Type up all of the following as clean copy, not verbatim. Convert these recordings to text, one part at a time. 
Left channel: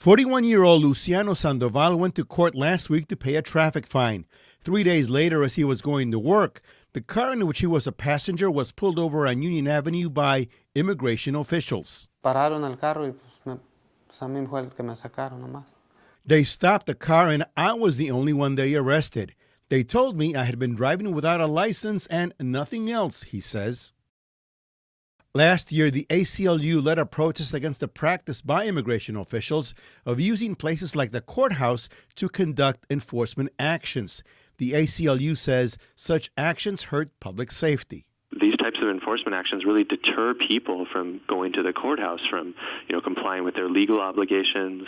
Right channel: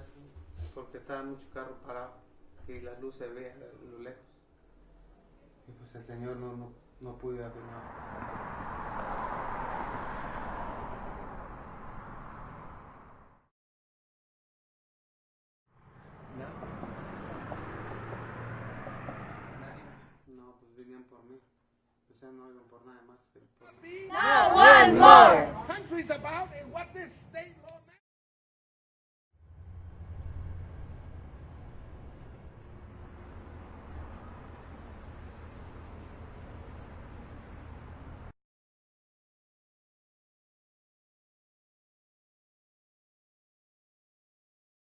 41-year-old Luciano Sandoval went to court last week to pay a traffic fine. 3 days later, as he was going to work, the car in which he was a passenger was pulled over on Union Avenue by immigration officials. They stopped the car and I was the only one they arrested. They told me I had been driving without a license and nothing else, he says. Not one more. Last year, the ACLU led a protest against the practice by immigration officials of using places like the courthouse to conduct enforcement actions. The ACLU says such actions hurt public safety. These types of enforcement actions really deter people from going to the courthouse, from complying with their legal obligations,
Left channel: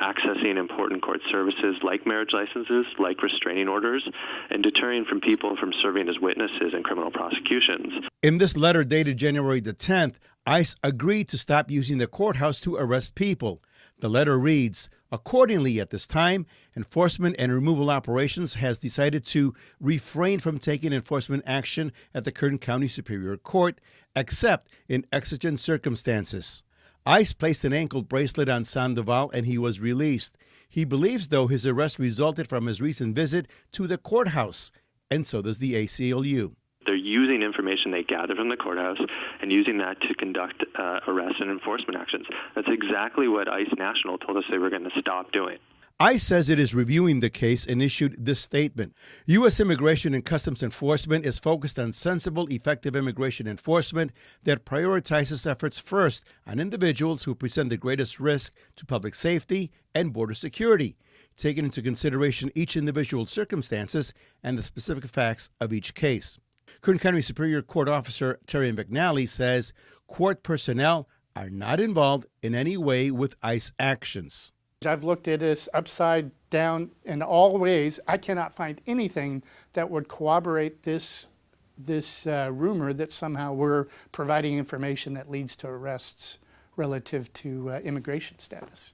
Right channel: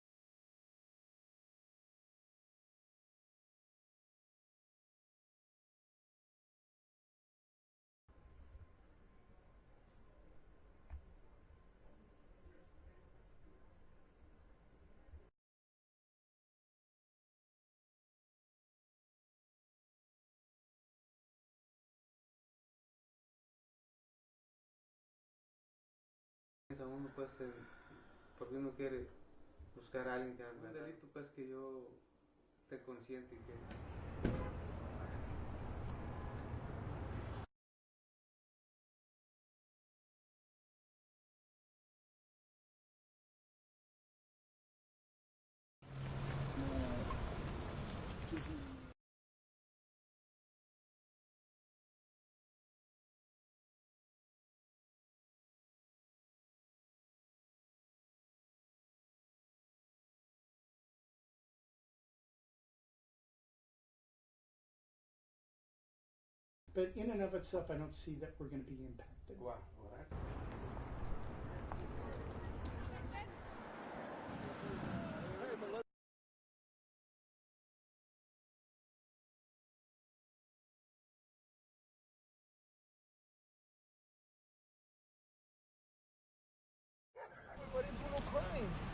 accessing important court services like marriage licenses, like restraining orders, and deterring from people from serving as witnesses in criminal prosecutions. In this letter dated January the 10th, ICE agreed to stop using the courthouse to arrest people. The letter reads, accordingly, at this time, enforcement and removal operations has decided to refrain from taking enforcement action at the Kern County Superior Court, except in exigent circumstances. ICE placed an ankle bracelet on Sandoval and he was released. He believes, though, his arrest resulted from his recent visit to the courthouse, and so does the ACLU. They're using information they gather from the courthouse and using that to conduct arrest and enforcement actions. That's exactly what ICE National told us they were going to stop doing. ICE says it is reviewing the case and issued this statement. U.S. Immigration and Customs Enforcement is focused on sensible, effective immigration enforcement that prioritizes efforts first on individuals who present the greatest risk to public safety and border security, taking into consideration each individual's circumstances and the specific facts of each case. Kern County Superior Court Officer Terry McNally says court personnel are not involved in any way with ICE actions. I've looked at this upside down in all ways. I cannot find anything that would corroborate this rumor that somehow we're providing information that leads to arrests relative to immigration status.